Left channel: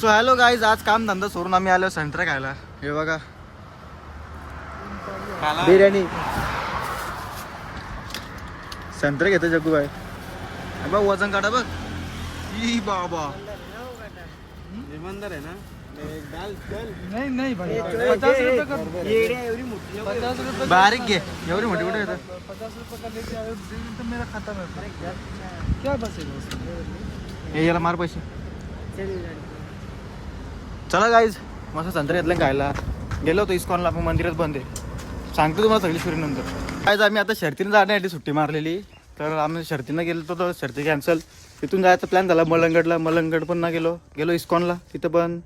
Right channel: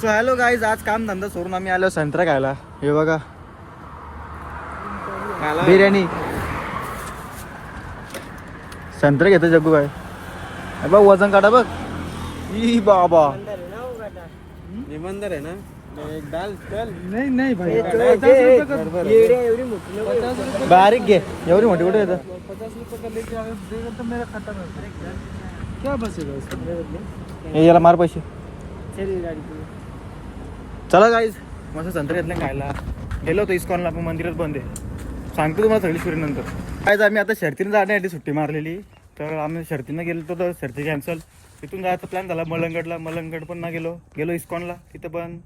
So hello guys आज काम धंदा सोडून आम्ही आलो संत्रा खायला. हे बघा. बिर्याणी. संत्रा घेतो जग्गू भाई. बघ वजन काढा बघ. ई बाबा. इमानदार आहे ना? एक दाल चल नाही नाही भाई येड्या एवढी मोठी नको. बारीक घे. एवढी मोठी कुठे येतं? क्या बसेगा उसमें? हे याला मार पैसे. चल गाईज मस्त संत्रा घेतलं खायला. गेलो होतो इस्कॉनला पण मंदिरात बंद आहे. सांगतो तुम्हाला सगळी स्टोरी नंतर. काय आम्ही आता शर्तीनं जाण्यासाठी सुट्टी मारलेली. तर आम्ही शर्तीनं गेलो होतो तर शर्ती कॅन्सल तिथून जायचा प्लॅन झाला मलंगडला. मलंगड पण ना गेलो. गेलो इस्कॉनला तिथं पण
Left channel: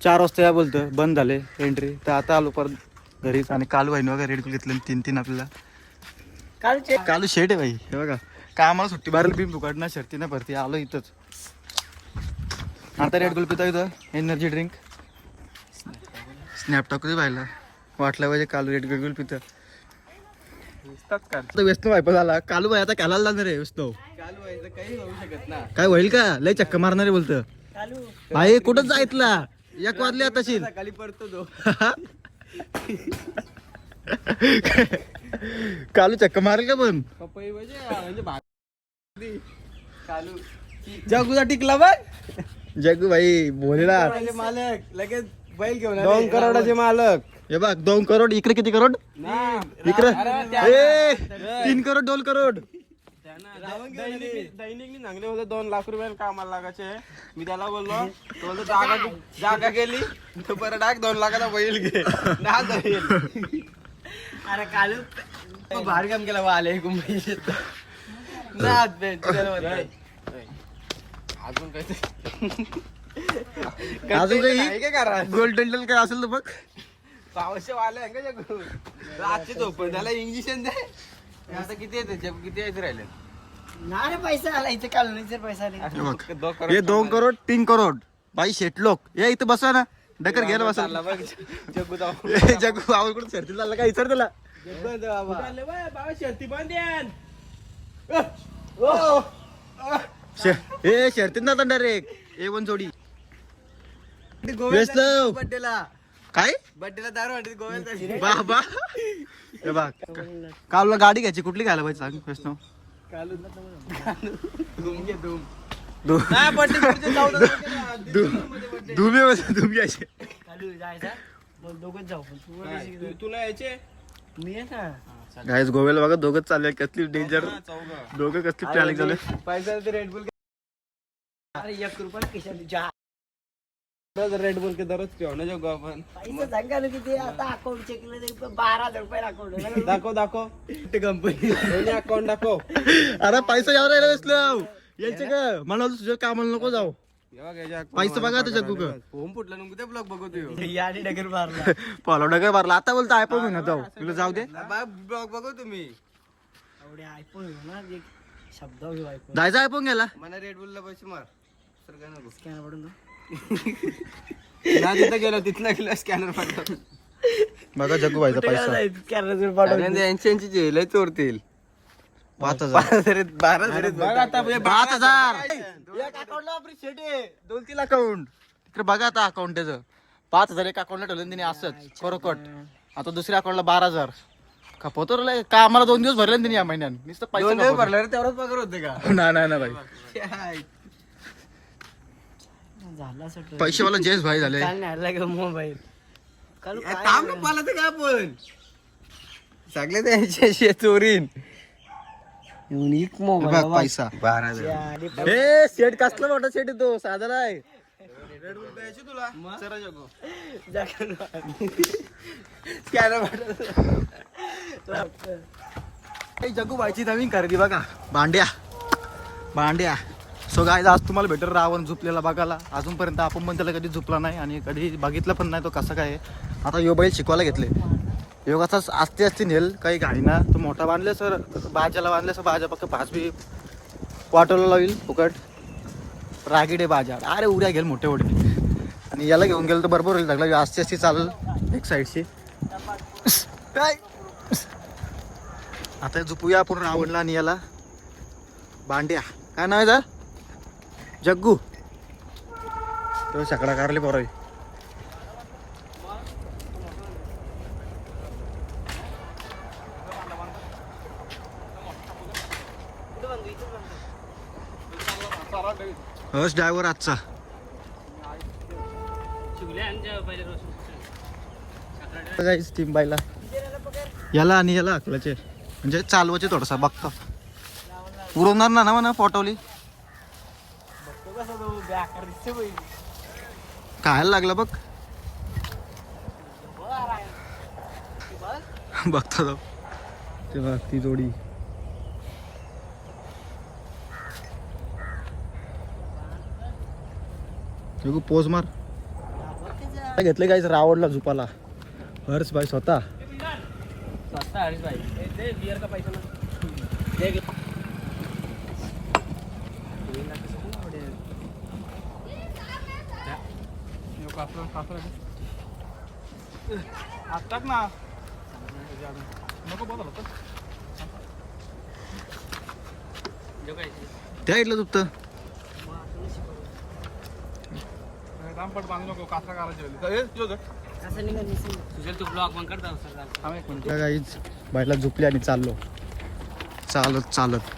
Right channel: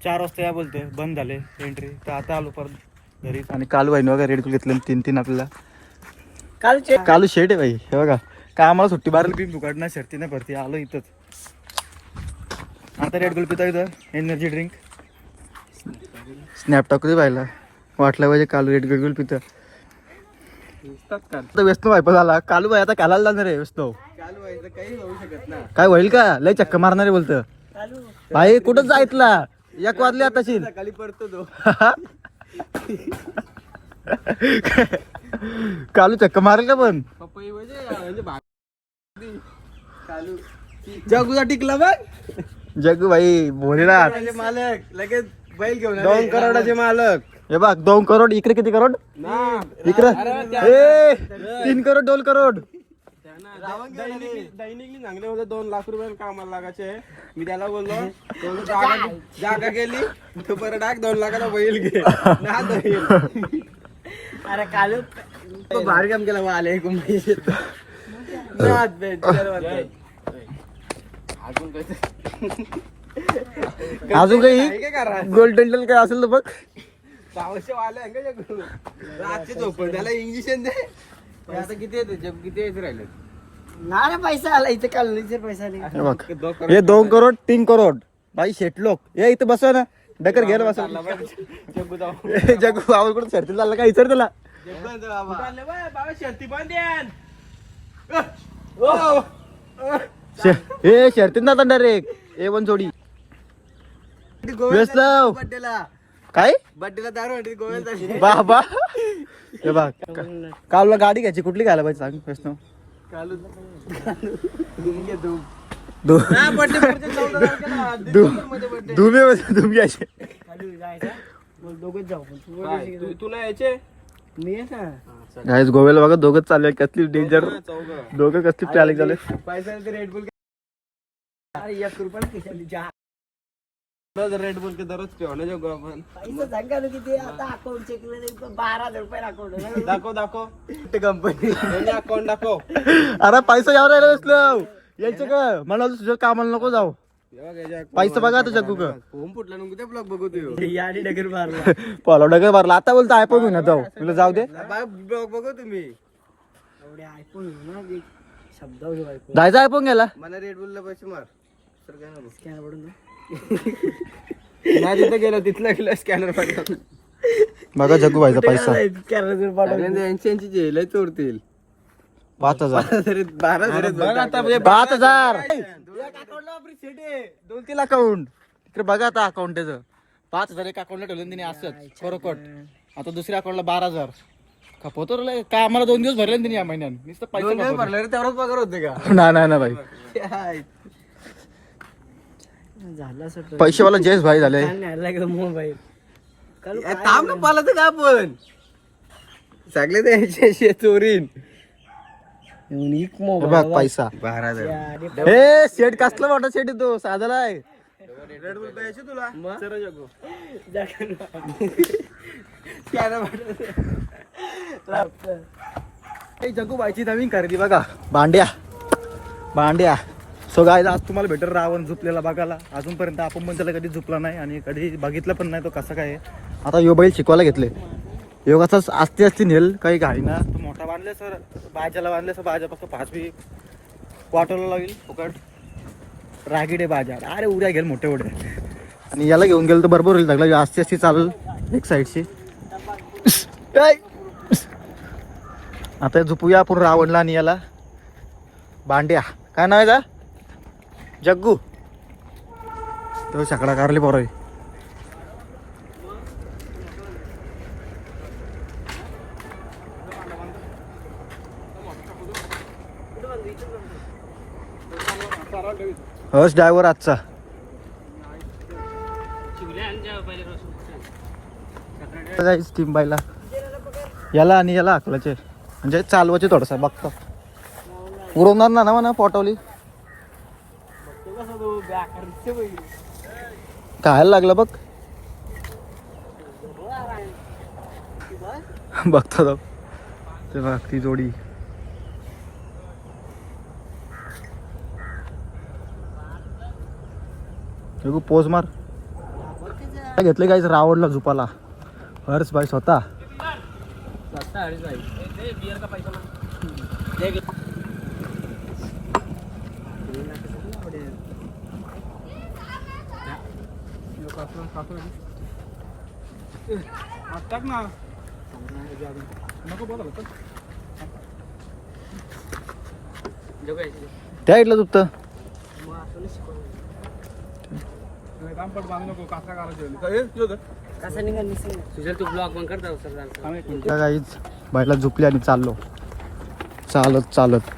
चार वाजता या बोलतो बंद झाले एंट्री तर आता आलो परत घरी. आणि कालू भाईने बघा रेड घेतले तीन तीन आपल्याला. काल कालू शेट आहे भाई. हे बघा. काय आम्हाला सुट्टी मारली बी फुकाडणार शर्तीनं भरती. आलो इथंच. आता रेड गोल पिता इथं? एनर्जी ड्रिंक स्नॅप टाकू दे पाहिला वाटलं पाहिजे कालू रेड गोल पितं? आता व्यस्त वायपा झाला. कालू भाई आता कालाला जाणार आहे व्यस्त. चालू व्हायचं काही होऊ शकत ना काय होईल का? लय चक्क मारणार आहे बोलतं. चालू भाई कुठं जायतला? एक वाजले आता शील. सकाळी पडतो तो कालू चक्क मारेल का पण? पपई म्हणजे म्हणजे जगूचा टिकला बघ जग्गू भाई करोडाचे मालक लगेच बैल घेऊन दोन करोडाचे मालक. हे बघ दोन करोड इकडे किती करोड? इकडे. ए तीन करोड दोन करोड. दैनिकली सांगले होते दोन लाख रुपये कामाला लागायचे. मी त्याला बोललो तो जागा जागा गेली. तो बरं टाक दोन लाखाला बैल घे. ना बैल अरे काल भारी काम केलं आले अजून अजून काही? गोल्डन टेल काय असेल तर बघ. पावशे आहे का जगू? रातचे झोपण त्याला इंजेक्शन दे. आता किती येते? किती येत राहिले? नाही पैसा आला. इथे कालनीचे पैसा नाही हे बघ. हे दोन करोड तीन करोड. बाई शेट लोक. ये इथं बसवा ना. डकर घ्यायला बसा जग्गू जाऊ. ए, जग्गू बाबा कुठं सरतील चाललं का? इतर त्याला. बाबा शर्ती बांधेन. शे- हे शर्तीत ना डायरेक्ट ए वन जोडी. बड्डेला काय? बड्डेला दारू वाटते गोव्याला बाबा. हे बघ कालला गाडी घ्यायची. कुठली घ्यायला पाहिजे सांग वैष्णव कालू धूम घे धूम. धुमे धुम घ्यायचे कालू जायचं. बोल दोघंच जाऊ. पण तू काय? तू- तू नाही यायचे? ना. गाईज गोव्याला बघा दोघंच चालले कसली डेंजर दोघं कसली ट्रॅलिक झाले. पैसा ते रेड बुल अरे एक रुपया रेड बुल के दररोज पिऊ ना जगू आपण पैसे सांगा ना किती? आता अकाउंट चेक केलं बारा हजार रुपये अकाउंट दाखव दाखव. कंपनी अकाउंट दाखव. अरे पैसा यावर राहिला बसलो यायचं का? मला तुझ्या कामाला नको जाऊ. पैसा बघा आता जग्गू का? होम फुटला नको ते ब्लॉग बघू तू आणि डगर मारला. पॉलो डगर मारला. आता बोलतो आयफोन घेऊन जाऊ तुला जाऊ दे. ब्लॉग बघू तुम्ही. एवढे आयफोन शब्द ऐकून जायचं आयफोन घ्यायला? मला रेड बुलला पैसे मार. सर काय नको स्कॅनर पडून ना. ना तिथं गेलो तिथला गेलो स्कॅनर पाठव बघा जग्गू भाईचा पैसा. स्कॅनर पाठवून यांची यांची जेल चोरतील. पाच हजार. बारा बघ आता पाच हजार. दोन तीन अकाउंट तिकडे बघा आता अकाउंट त्याचं. पाच हजार एक अकाउंटला ठेवलं तिने असंच खरोखट आता दुसऱ्या अकाउंटला बारा हजार. खपवतो रे का आम्हाला दोन दिवस भरले ना तिने या महिन्यात? नुसतं पैसा खपवतो. भरल्यावर तेवढंच पगार होते का? नाही नाही ना भाई झालं असं पैसेवाला जयेश भाई झाले. काल काल ए, थांब ना पाला तर का आपण? सगळे त्यांचे चोरीन. युनिक हे मोबाईल बघ पैसा. बारा ए शेट कसला मोठा शेट येतो साधाला आहे रेड बुल प्यायचे तुला? जगू. ए, जग्गू बायची नवीन खरेदी बघा. भांड्या. भांड्या. सो गाय आज तुम्हाला भेटर रावण झुपलेला बघायला. अजूनपर्यंत आपण पण त्याला कधी झुपला नाही आणि कधी बघितलं पण नाही तो कसा काय आहे. आता यो बैल शिकवायला घेतले. योगाचाच आस्ती असती नेल काही घाई ना. तो मोठा बांधले सर बाजाला बांधले सर बाजा फक्त पाच बी वाटवला लावील फुकट. रागिडे बाजार अरे उड्या घेईल मोठे मोठे. आणि याला घेऊन गेलं तर बरोबर होईल लागला आस्ती असती चालेल एक साईडची काय? आता झोपूया आपण रावणला आणि याला. बांड्या काय नाव आहे का जग्गू. तो सकाळ कारली पोर बस ड्रायव्हर आजचा. काहीच टीम याला आणि याला आकलाचे म्हणजे चालवाचे थोडसा बघतो. उरवणार ना ना म्हणा पोटवली. खायला लागलं बघ. बघतो ती जोडी. बघू पोज मार. काय घेतले काहीच रावडला झुपाला. हर्ष बाई स्वतः. त्या इथलं झुपतं रामपट बांधू नको काहीच बाईला झुपली आणि चाललो. चालत चालत.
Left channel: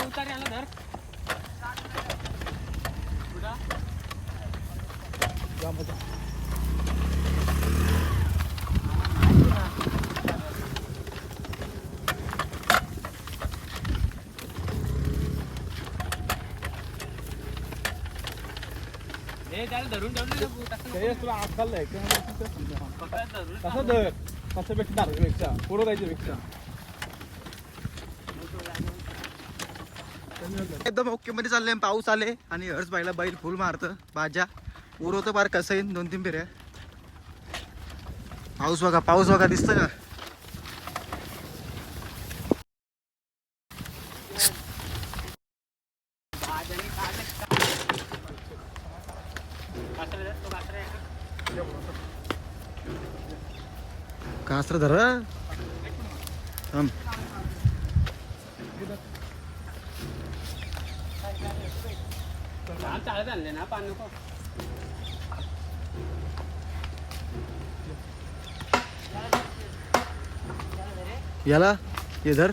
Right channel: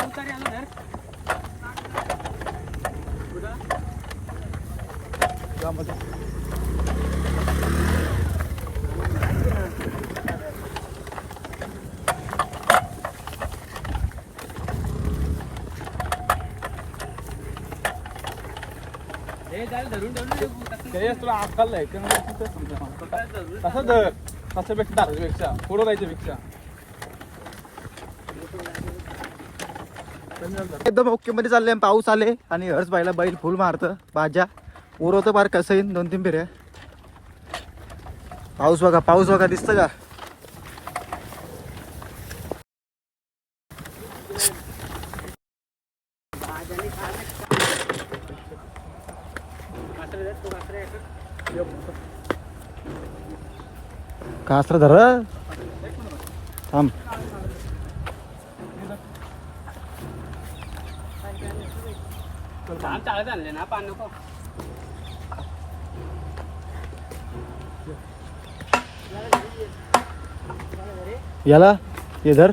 उतारे आलो धर हे त्याला धरून धरून तुला अक्कल आहे तसं धर तसं भेटणार पेक्षा पुढं जायच्या पेक्षा एकदम ओके मध्ये चालले पाऊस आले आणि हर्ष बाईला बैल फुल मारतं. भाज्या. उरवतं फार कसं येईन? दोन तीन फेऱ्या. पाऊस बघा पाऊस बघा दिसतं का? कास्त्र धर. थांब. चालत आणले ना पान नको याला हे धर